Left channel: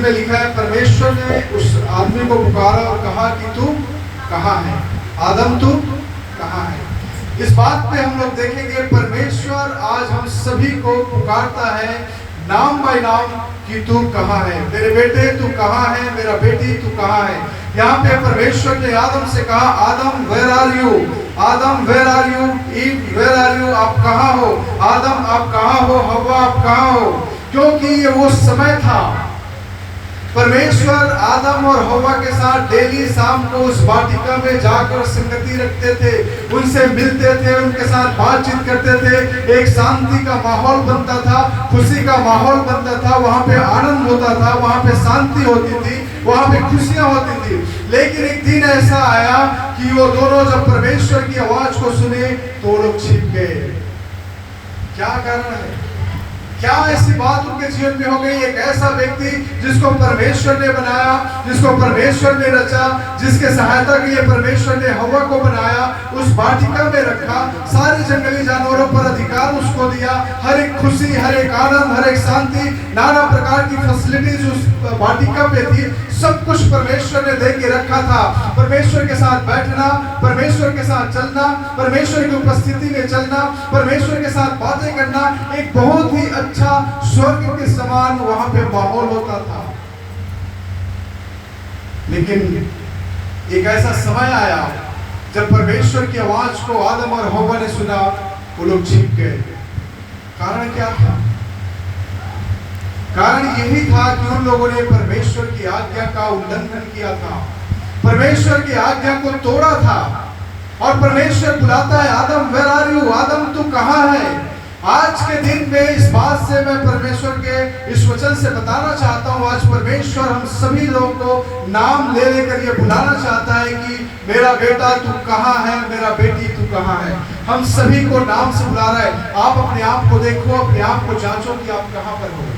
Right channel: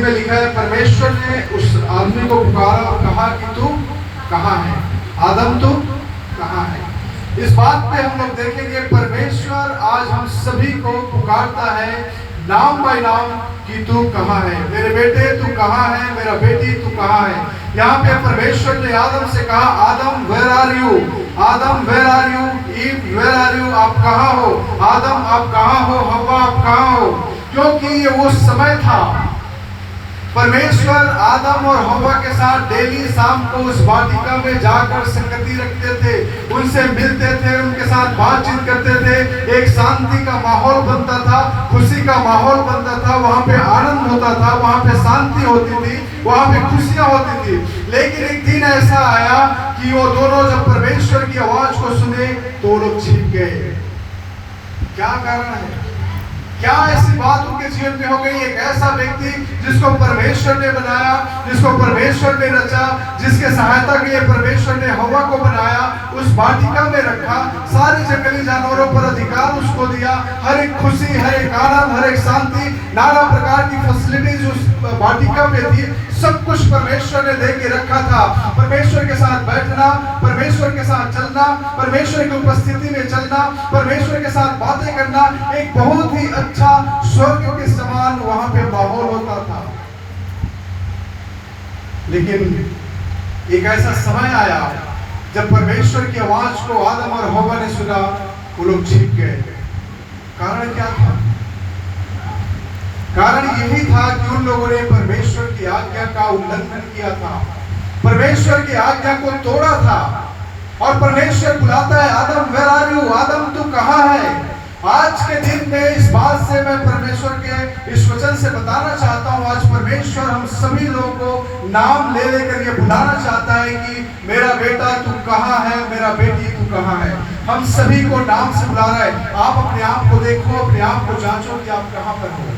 में लिखा है, परमेश्वर ने उस आदमी को पुकारा और कहा कि तू कहाँ है, आदम तू कहाँ है। इस बात पे हम लोग देखेंगे परमेश्वर आज हम सभी को पुकारता है नाम बाय नाम कि तू कहाँ है, मेरे बेटे तू कहाँ है, मेरा बेटी तू कहाँ है। यहाँ पे परमेश्वर ने आदम से कहा, Adam where are you, Adam where are you, Eve where are you, आप कहाँ हो, आदम आप कहाँ हो, हवा आप कहाँ हो। क्योंकि ये वो समय था परमेश्वर आदम और हवा के साथ डेली शाम को उस वाटिका में जाकर संगति रखते थे, उनसे मिलते थे, उनके साथ बातचीत करते थे। एक शांति का माहौल बनता था, खुशी का माहौल बनता था, वहाँ पे आनंद होता था, वहाँ पे शांति होती थी, वहाँ पे खुशियाँ होती थी। लेकिन एक दिन ऐसा आया कि वो दोनों जब परमेश्वर की आवाज को सुने तो वो लोग छिप गए। क्या कारण है? क्या ऐसी बात उनके जीवन में हो गई? एक ऐसा व्यक्ति जिसको परमेश्वर ने बनाया, जिसको परमेश्वर ने रचा, जिसके सहायता के लिए परमेश्वर ने हवा को बनाया, उस वाटिका में रखा, सारे जंगली जानवरों पर अधिकार उसको दिया, हर एक खुशी, हर एक आनंद, हर एक शांति, नाना प्रकार की फैसिलिटीज उस वाटिका में थी। सब कुछ परमेश्वर ने दे के रखा था। परमेश्वर के साथ बैठना, परमेश्वर के साथ चलना, परमेश्वर की उपस्थिति में चलना, परमेश्वर के साथ बातें करना, एक बहुत ही अच्छा स्वर्ग के समान वहां पे माहौल होता था। लेकिन एक ऐसा समय आया जब परमेश्वर की आवाज को आदम और हव्वा ने सुना, वो लोग छिप गए। कारण क्या था? कारण यही था कि उन लोगों ने परमेश्वर की आज्ञा का उल्लंघन किया था, परमेश्वर की आज्ञा को तोड़ा था। और परमेश्वर बुलाता है, आदम वेयर आर यू, आदम तू कहाँ है। आज के दिन में इस बात से मैं परमेश्वर के इस वचन से बताना चाहता हूँ, आज परमेश्वर हम सभी लोगों को नाम ले लेकर ये बुलाना चाहता है कि मेरा बेटा तू कहाँ है, मेरा बेटी तू कहाँ है। हम सभी को नाम से बुला रहा है। आप अपने आप को देखो, अपने आप को जांचो कि आप कहाँ पर हो।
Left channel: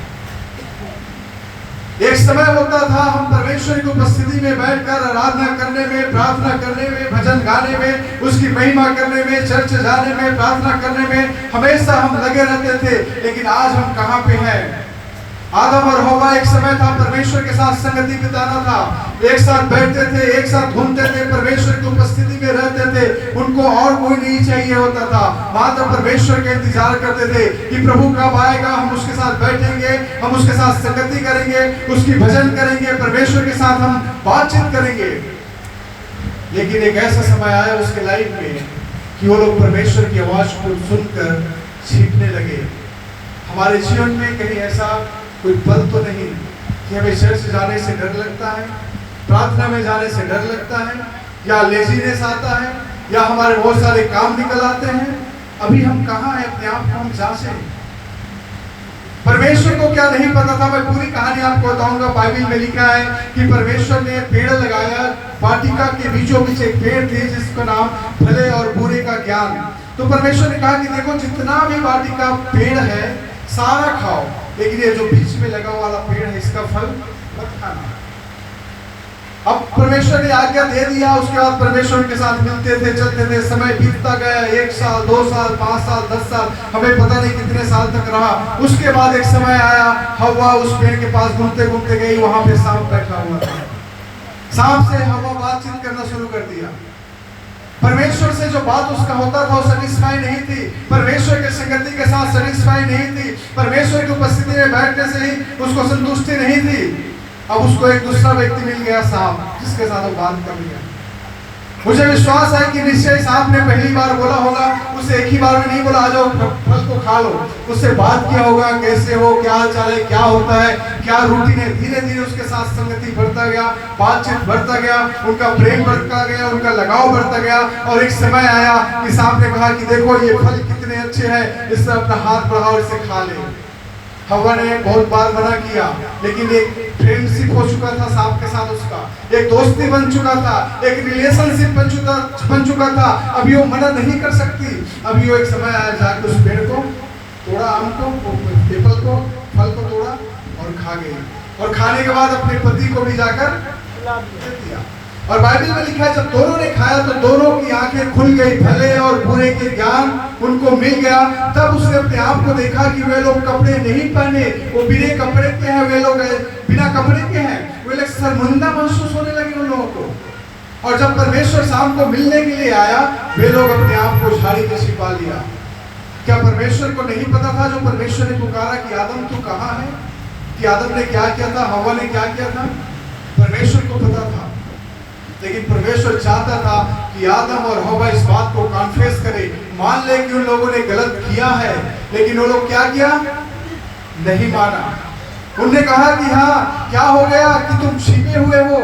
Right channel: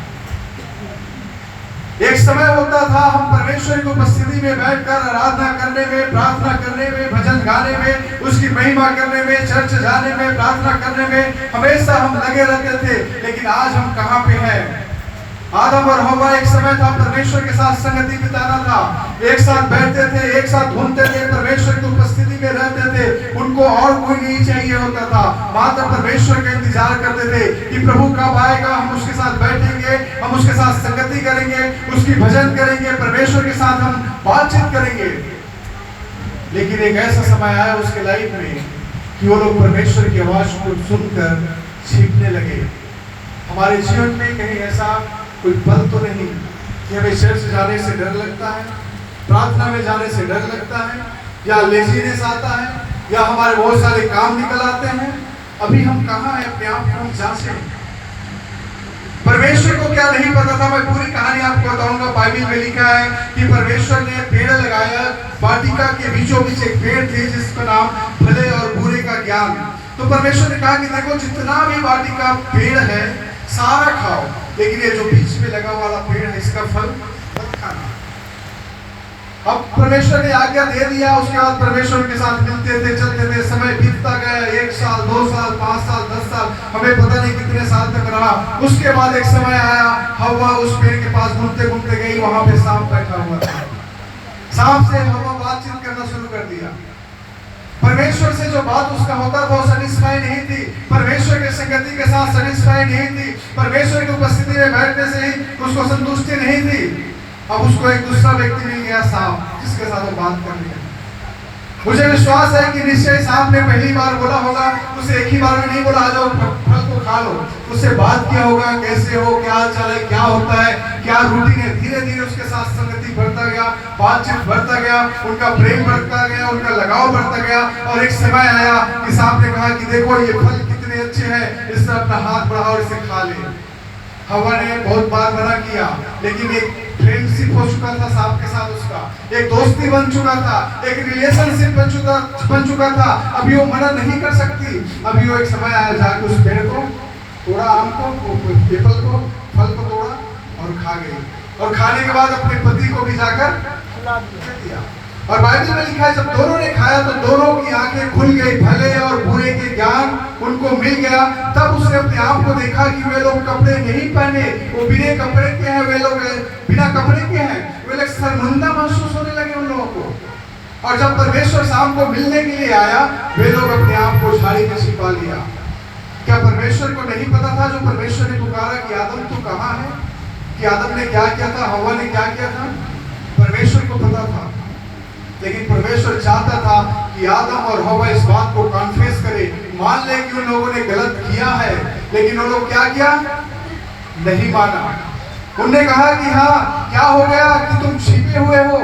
एक समय होता था हम परमेश्वर की उपस्थिति में बैठकर आराधना करने में, प्रार्थना करने में, भजन गाने में, उसकी महिमा करने में, चर्च जाने में, प्रार्थना करने में हमेशा हम लगे रहते थे। लेकिन आज हम कहाँ पे हैं? आदम और हव्वा एक समय था परमेश्वर के साथ संगति बिताना था, एक साथ बैठते थे, एक साथ घूमते थे, परमेश्वर की उपस्थिति में रहते थे। उनको और कोई नहीं चाहिए होता था, मात्र परमेश्वर का इंतजार करते थे कि प्रभु कब आएगा, हम उसके साथ बैठेंगे, हम उसके साथ संगति करेंगे, उसकी भजन करेंगे, परमेश्वर के साथ हम बातचीत करेंगे। लेकिन एक ऐसा समय आया उसके लाइफ में कि वो लोग परमेश्वर की आवाज को सुनकर छिपने लगे। हमारे जीवन में कहीं ऐसा कोई पल तो नहीं कि हमें चर्च जाने से डर लगता है, प्रार्थना में जाने से डर लगता है, या लेजीनेस आता है, या हमारे बहुत सारे काम निकल आते हैं। अभी हम कहाँ हैं? अपने आप को हम जांचें। परमेश्वर को क्या नहीं पता था? मैं पूरी कहानी आपको बताऊंगा। बाइबल में लिखा है कि परमेश्वर ने पेड़ लगाया, वाटिका के बीचों बीच एक पेड़ थे जिसका नाम भले और बुरे का ज्ञान। तो परमेश्वर ने कहा कि देखो, जितना भी वाटिका पेड़ है सारा खाओ, लेकिन ये जो बीच में लगा वाला पेड़ है इसका फल मत खाना। अब परमेश्वर ने आज्ञा दे दिया। उसके बाद परमेश्वर के साथ मिलते थे, चलते थे, समय बीतता गया, 1 साल, 2 साल, 5 साल, 10 साल, हमें पता नहीं कितने साल तक रहा। उसके बाद एक समय आया, हव्वा उस पेड़ के पास घूमते घूमते गई, वहां पे सांप बैठा हुआ था। सांप से हव्वा बातचीत करना शुरू कर दिया। परमेश्वर से जो बात उसका होता था वो सैटिस्फाई नहीं थी, परमेश्वर के संगति के साथ सैटिस्फाई नहीं थी, परमेश्वर की उपस्थिति में बैठने से ही उसको संतुष्टि नहीं थी। अब उसको एक दूसरा व्यक्ति मिल गया, सांप, जिसके साथ वो बात कर लिया। मुझे विश्वास है कि निश्चय सांप ने पहली बार बोला होगा, उसे एक ही बार में नहीं बोला आ जाओ फल को खा लो, उससे बात किया होगा, कैसे हो, क्या हाल चाल है, क्या होता है, क्या रूटीन है। धीरे धीरे उसके साथ संगति बढ़ता गया, बातचीत बढ़ता गया, उनका प्रेम बढ़ता गया, उनका लगाव बढ़ता गया। और एक समय आया कि सांप ने कहा कि देखो ये फल कितने अच्छे हैं, इस पर अपना हाथ बढ़ाओ, इसे खा ले। हव्वा ने बहुत बार मना किया, लेकिन एक फ्रेंडशिप हो चुका था सांप के साथ, उसका एक दोस्ती बन चुका था, एक रिलेशनशिप बन चुका था। अभी वो मना नहीं कर सकती। अभी वो एक समय आया जाकर उस पेड़ को तोड़ा, आम को, एप्पल को, फल को तोड़ा और खा गई। और खाने के बाद अपने पति को भी जाकर खिला दिया। और बाइबल में लिखा है जब दोनों ने खाया तो दोनों की आंखें खुल गई, भले और बुरे के ज्ञान उनको मिल गया। तब उसने अपने आप को देखा कि वे लोग कपड़े नहीं पहने, वो बिना कपड़े के हैं, वे लोग बिना कपड़े के हैं। वे लोग शर्मिंदा महसूस होने लगे उन लोगों को। और जब परमेश्वर शाम को मिलने के लिए आया, वे लोग अपने आप को झाड़ी में छिपा लिया। क्या परमेश्वर को नहीं पता था जो परमेश्वर ने पुकारा कि आदम तू कहाँ है, कि आदम ने क्या किया था, हवा ने क्या किया था? परमेश्वर को पता था। लेकिन परमेश्वर चाहता था कि आदम और हवा इस बात को कॉन्फेस करे, मान ले कि उन लोगों ने गलत किया है। लेकिन वो लोग क्या किया? नहीं माना। उन्होंने कहा कि हाँ क्या हो गया कि तुम छिपे हुए हो।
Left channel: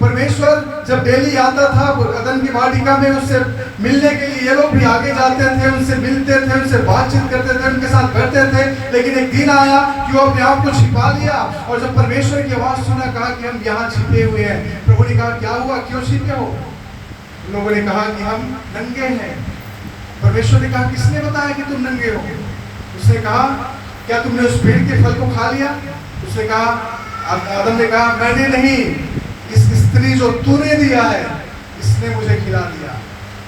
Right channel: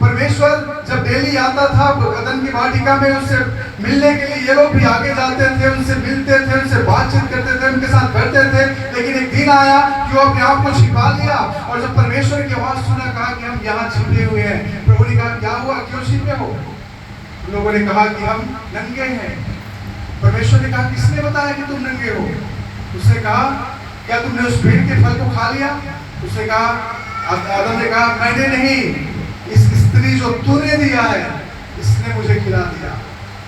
परमेश्वर जब डेली आता था अदन की वाटिका में उससे मिलने के लिए, ये लोग भी आगे जाते थे, उनसे मिलते थे, उनसे बातचीत करते थे, उनके साथ करते थे। लेकिन एक दिन आया कि वो अपने आप को छिपा लिया। और जब परमेश्वर की आवाज सुना, कहा कि हम यहाँ छिपे हुए हैं। प्रभु ने कहा क्या हुआ, क्यों छिपे हो? उन लोगों ने कहा कि हम नंगे हैं। परमेश्वर ने कहा किसने बताया कि तुम नंगे हो? उसने कहा क्या तुमने उस पेड़ के फल को खा लिया? उसने कहा, आदम ने कहा मैंने नहीं, इस स्त्री जो तूने दिया है इसने मुझे खिला दिया।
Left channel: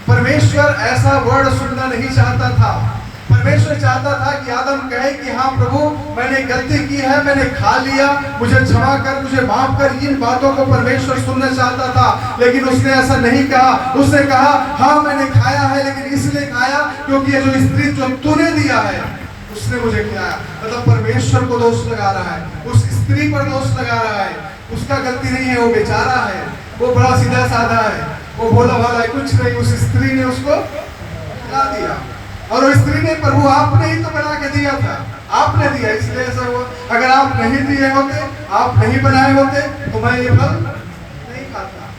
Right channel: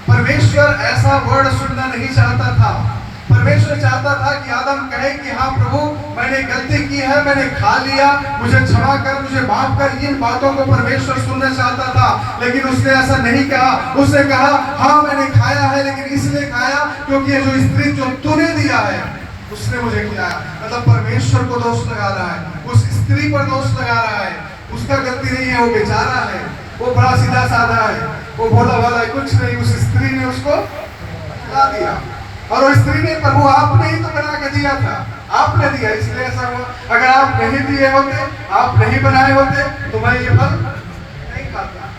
परमेश्वर ऐसा वर्ड सुनना नहीं चाहता था। परमेश्वर चाहता था कि आदम कहे कि हाँ प्रभु मैंने गलती की है, मैंने खा लिया, मुझे क्षमा कर, मुझे माफ कर। इन बातों को परमेश्वर सुनना चाहता था, लेकिन उसने ऐसा नहीं कहा। उसने कहा हाँ मैंने खाया है, लेकिन इसलिए खाया क्योंकि ये जो स्त्री जो तूने दिया है उसने मुझे खिलाया। मतलब परमेश्वर को दोष लगा रहा है, उस स्त्री पर दोष लगा रहा है। उसका गलती नहीं है, वो बेचारा है, वो बड़ा सीधा साधा है, वो भोला भाला कुछ नहीं। उस स्त्री ने उसको खिला दिया। और वो स्त्री ने प्रभु आपने ही तो बना के दिया था, आपने दिया इसलिए ऐसा हुआ। अगर आप नहीं दिए होते, आप नहीं बनाए होते तो मैं ये फल नहीं खाता।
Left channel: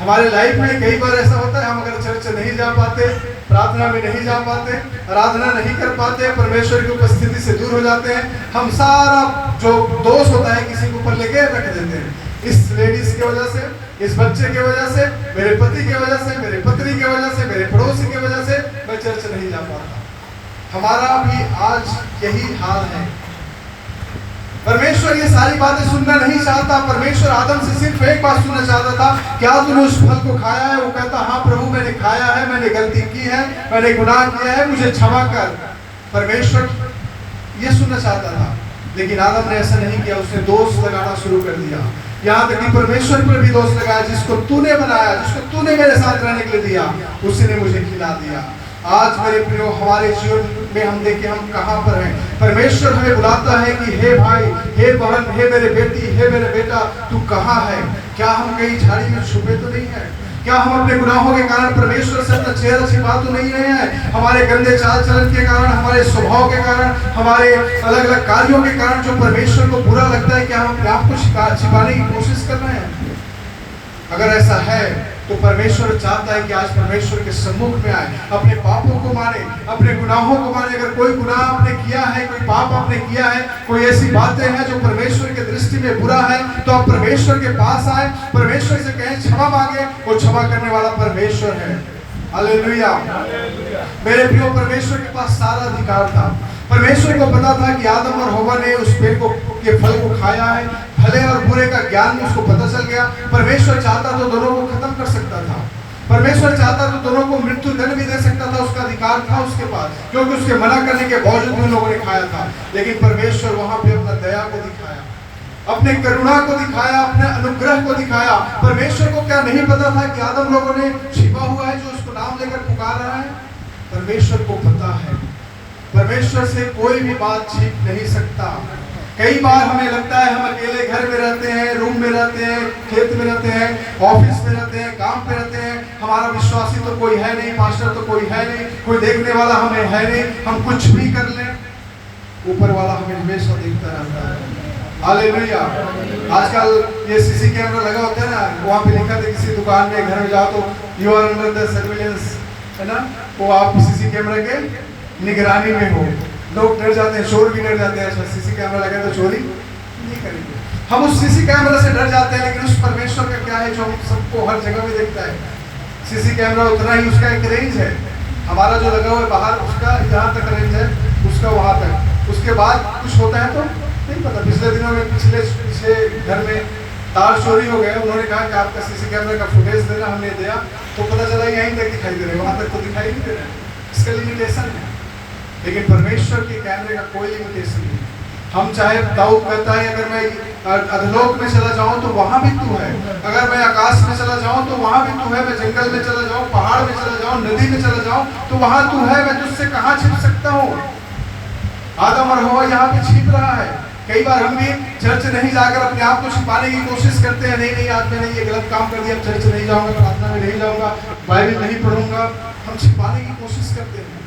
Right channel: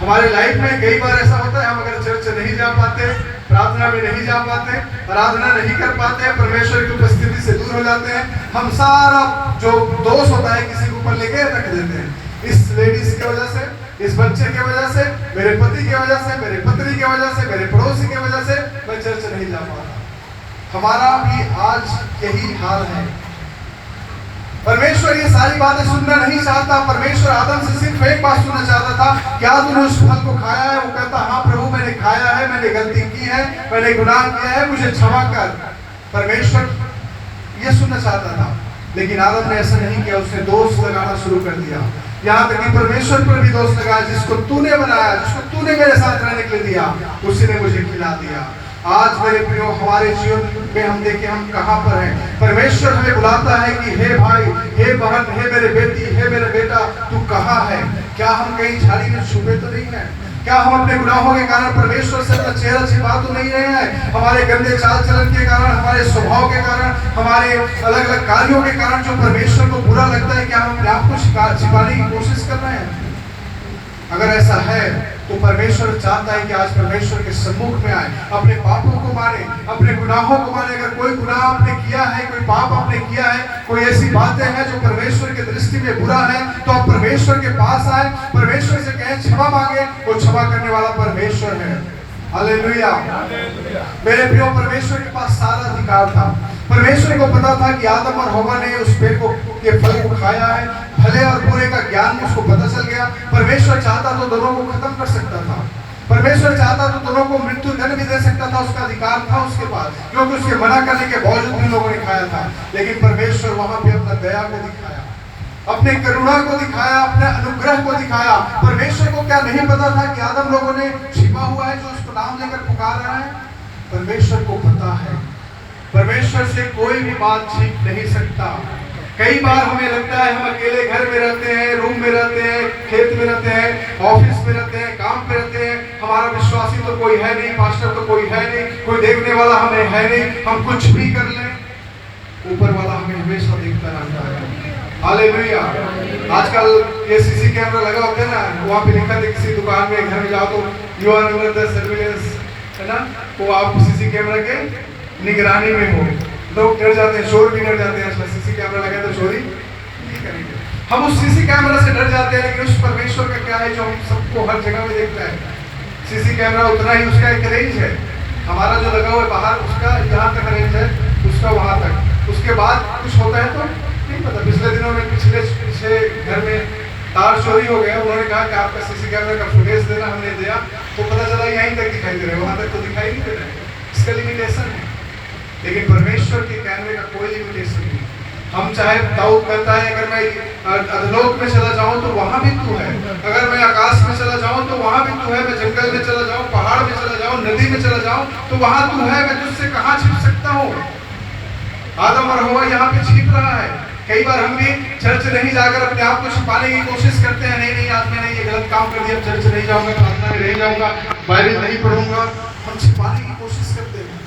हमारे लाइफ में कई बार ऐसा होता है, हम अगर चर्च नहीं जा पाते, प्रार्थना में नहीं जा पाते, आराधना नहीं कर पाते, परमेश्वर की उपस्थिति से दूर हो जाते हैं, हम सारा जो दोष होता है किसी के ऊपर लेके रख देते हैं। इस लेडीज की वजह से, इस बच्चे की वजह से, मेरे पति की वजह से, मेरे पत्नी की वजह से, मेरे पड़ोसी की वजह से मैं चर्च नहीं जा पाता। हमारा भी आज यही हाल है। परमेश्वर ये सारी बातें सुनना नहीं चाहता। परमेश्वर आदम से सिर्फ एक बात सुनना चाहता था, क्या तूने उस फल को खाया है? वो कहता हाँ प्रभु मैंने खाया है, मैंने गलती की है, मैंने गुनाह किया है, मुझे क्षमा कर। परमेश्वर ये सुनना चाहता था, लेकिन आदम ने ऐसा नहीं किया। उसने दोष लगाना शुरू कर दिया, यहाँ तक कि परमेश्वर पर भी दोष लगाया। जिसको तूने बनाया, जिसको तूने मेरे साथ रहने के लिए दिया, उसी ने मुझे खिला दिया। आज मेरे प्रियो हमारे जीवन में हम देखें हम कहाँ पर हैं। परमेश्वर हमें बुलाता है कि हे भाई, हे बहन, हे मेरे बेटी, हे मेरे बेटा, तू कहाँ है? क्या हम कहीं झाड़ी में छुपे तो नहीं है? क्या हम अपने गुनाहों के कारण परमेश्वर से अपना चेहरा छिपा तो नहीं रहे हैं? हमारे गंदे चाल चलन के कारण, हमारे स्वभाव के कारण, हमारे अलग अलग कार्यों के कारण जो परमेश्वर को बुरा लगता है, क्या हम अपने आप को छिपाने की कोशिश कर रहे हैं? अगर ऐसा है तो परमेश्वर चाहता है कि आज परमेश्वर के सम्मुख में आए, अपने पापों को माने, अपने गुनाहों को माने। अगर कोई गुनाह आपने किया है, कोई पाप आपने किया है, कोई ऐसी बातें हैं जो परमेश्वर की दृष्टि में बुरा है, तो आप परमेश्वर के पास आए, परमेश्वर से कहें, क्षमा मांगे। वो क्षमा करने वाला परमेश्वर है। हालेलुया। मेरे प्रियो, परमेश्वर के पास सारा अधिकार था। परमेश्वर को पता था कि आदम और हवा ने उस पेड़ को, ये फल को खाया है, भले और बुरे का ज्ञान उसको पता चल गया। परमेश्वर चाहता तो दोनों को खत्म कर सकता था। परमेश्वर चाहता तो दोनों को मृत्यु दंड भी दे सकता था, उसका अधिकार था उसके पास, क्योंकि उसके मना करने के बावजूद उन लोगों ने खाया था। लेकिन परमेश्वर वहां पे अपना दया को दिखाया, अपने करुणा को दिखाया, अपने अनुग्रह को दिखाया। परमेश्वर को क्या नहीं पता था कि आदम लोगों ने छिपा हुआ है जो उसको नाम लेकर पुकार रहा है? परमेश्वर को पता है। परमेश्वर से कोई भी बात छिप नहीं सकता। कई बार हमें लगता है हम अकेले घर में रहते हैं, रूम में रहते हैं, खेत में रहते हैं, ऑफिस में रहते हैं, काम पे रहते हैं, हमारा विश्वासी तो कोई है नहीं, पास्टर तो कोई है नहीं, कोई देखने वाला हमें है नहीं, हम कुछ भी कर लें, ऊपर वाला हमें हमेशा देखता रहता है। हालेलुया। आजकल ये सीसी कैमरा लगा होता है ना, वहाँ पे लिखा था किसी दुकान में, घर में जाओ तो you are under the surveillance, है ना, तो आप सीसी कैमरा के निगरानी में हो। लोग डर जाते हैं, चोर भी डर जाते हैं, सीसी कैमरा लगा तो चोरी नहीं करेंगे। हम उस सीसी कैमरा से डर जाते हैं, लेकिन उस परमेश्वर का क्या है जो हम सबको हर जगह में देखता है। सीसी कैमरा उतना ही उसका एक रेंज है, हमारा जो लगा हुआ है बाहर उसका जहाँ तक रेंज है, उसका वहाँ तक, उसके बाद कुछ होता है तो नहीं पता। पिछले दिनों में पीछे घर में तार चोरी हो गए, उन्होंने कहा कि आपका सीसी कैमरे का फुटेज देना, हमने दिया तो पता चला यहीं तक दिखाई दे रहे, वहां तक तो दिखाई नहीं दे रहे। इसका लिमिटेशन है, लेकिन परमेश्वर के कैमरे का कोई लिमिटेशन नहीं। हम चाहे, दाऊद कहता है अगर मैं अधलोक में चला जाऊं तो वहां भी तू है, अगर मैं आकाश में चला जाऊं तो वहां भी तू है, मैं जंगल में चला जाऊं, पहाड़ में चला जाऊं, नदी में चला जाऊं तो वहां तू है, मैं तुझसे कहां छिप सकता हूं। आदम और हवा यहाँ पे छिप रहा है। कई बार हम भी चर्च नहीं जाकर अपने आप को छिपाने की कोशिश करते हैं, नहीं आज मैंने ये गलत काम कर दिया, चर्च नहीं जाऊंगा, प्रार्थना में नहीं जाऊंगा, बाइबल नहीं पढ़ूंगा, हम छिपाने की कोशिश करते हैं।